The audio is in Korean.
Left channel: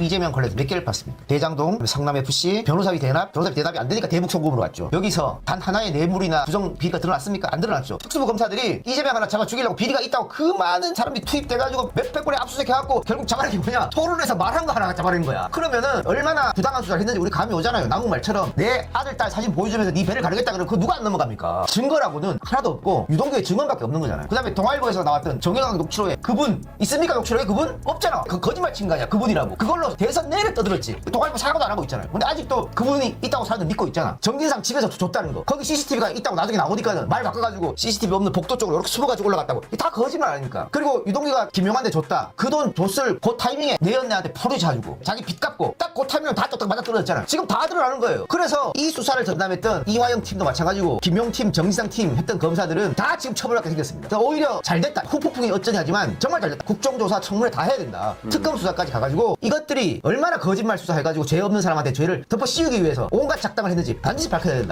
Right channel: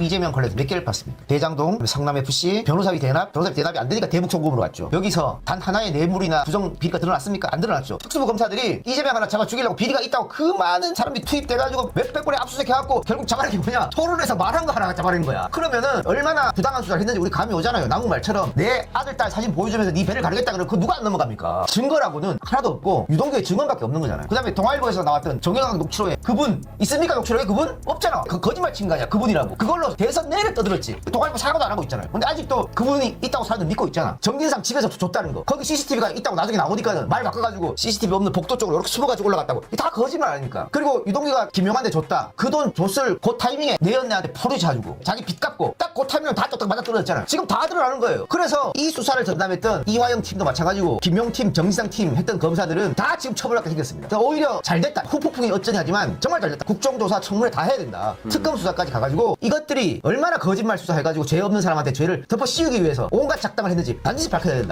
이재명 관련 몇 개를 봤습니다. 대장동, 성남FC, 변호사기 대납, 변호사기 대납이 안 되니까 대북 송금으로 왔죠. 여기서 단 하나의 뇌물이나 구성 비리가 드러났습니까? 안 드러났죠. 특수부 검사들이 이재명 하나 잡아 죽이려고 비리가 있다고 그 많은 사람들이 투입돼가지고 몇백 건의 압수수색 해갖고 결국 잡아낸 게 뭐냐? 토론에서 말한 거 하나 잡아낸 거야. 그러면은 얼마나 부당한 수사를 했는지 우리 감이 오잖아요. 나무 말처럼 내 아들, 딸 사진 보여주면서 네 배를 가르겠다 그러면 그거 누가 안 넘어갑니까? 증거라고는 하나도 없고 유동규의 증언밖에 없는 거잖아. 그 다음에 동아일보에서 나왔던 정영학 녹취록에 그분 있습니까? 녹취록에 그분? 없잖아. 그 거짓말 친 거 아니야. 그분이라고. 그걸로 대선 내내 떠들었지. 동아일보 사과도 안 하고 있잖아요. 근데 아직도 그분이 있다고 사람들 믿고 있잖아. 정진상 집에서 줬다는 거. 거기 CCTV가 있다고 나중에 나오니까 말 바꿔가지고 CCTV 없는 복도 쪽으로 이렇게 숨어가지고 올라갔다고. 다 거짓말 아닙니까? 그리고 유동규가 김영한테 줬다. 그 돈 줬을 그 타이밍에 내연내한테 포대쳐가지고 자기 빚 갚고 딱 그 타이밍에 다 떴다 맞아 떨어졌잖아. 지금 다 드러나는 거예요. 그래서 이 수사를 전담했던 이화영 팀도 마찬가지고 김용 팀, 정지상 팀 했던 검사들은 다 지금 처벌받게 생겼습니다. 오히려 잘 됐다. 후폭풍이 어쩌지 하지만 정말 잘 됐다. 국정조사 청문회 다 해야 된다. 특검 수사까지 가가지고 이것들이 얼마나 거짓말 수사해가지고 죄 없는 사람한테 죄를 덮어 씌우기 위해서 온갖 작담을 했는지 반드시 밝혀야 된다.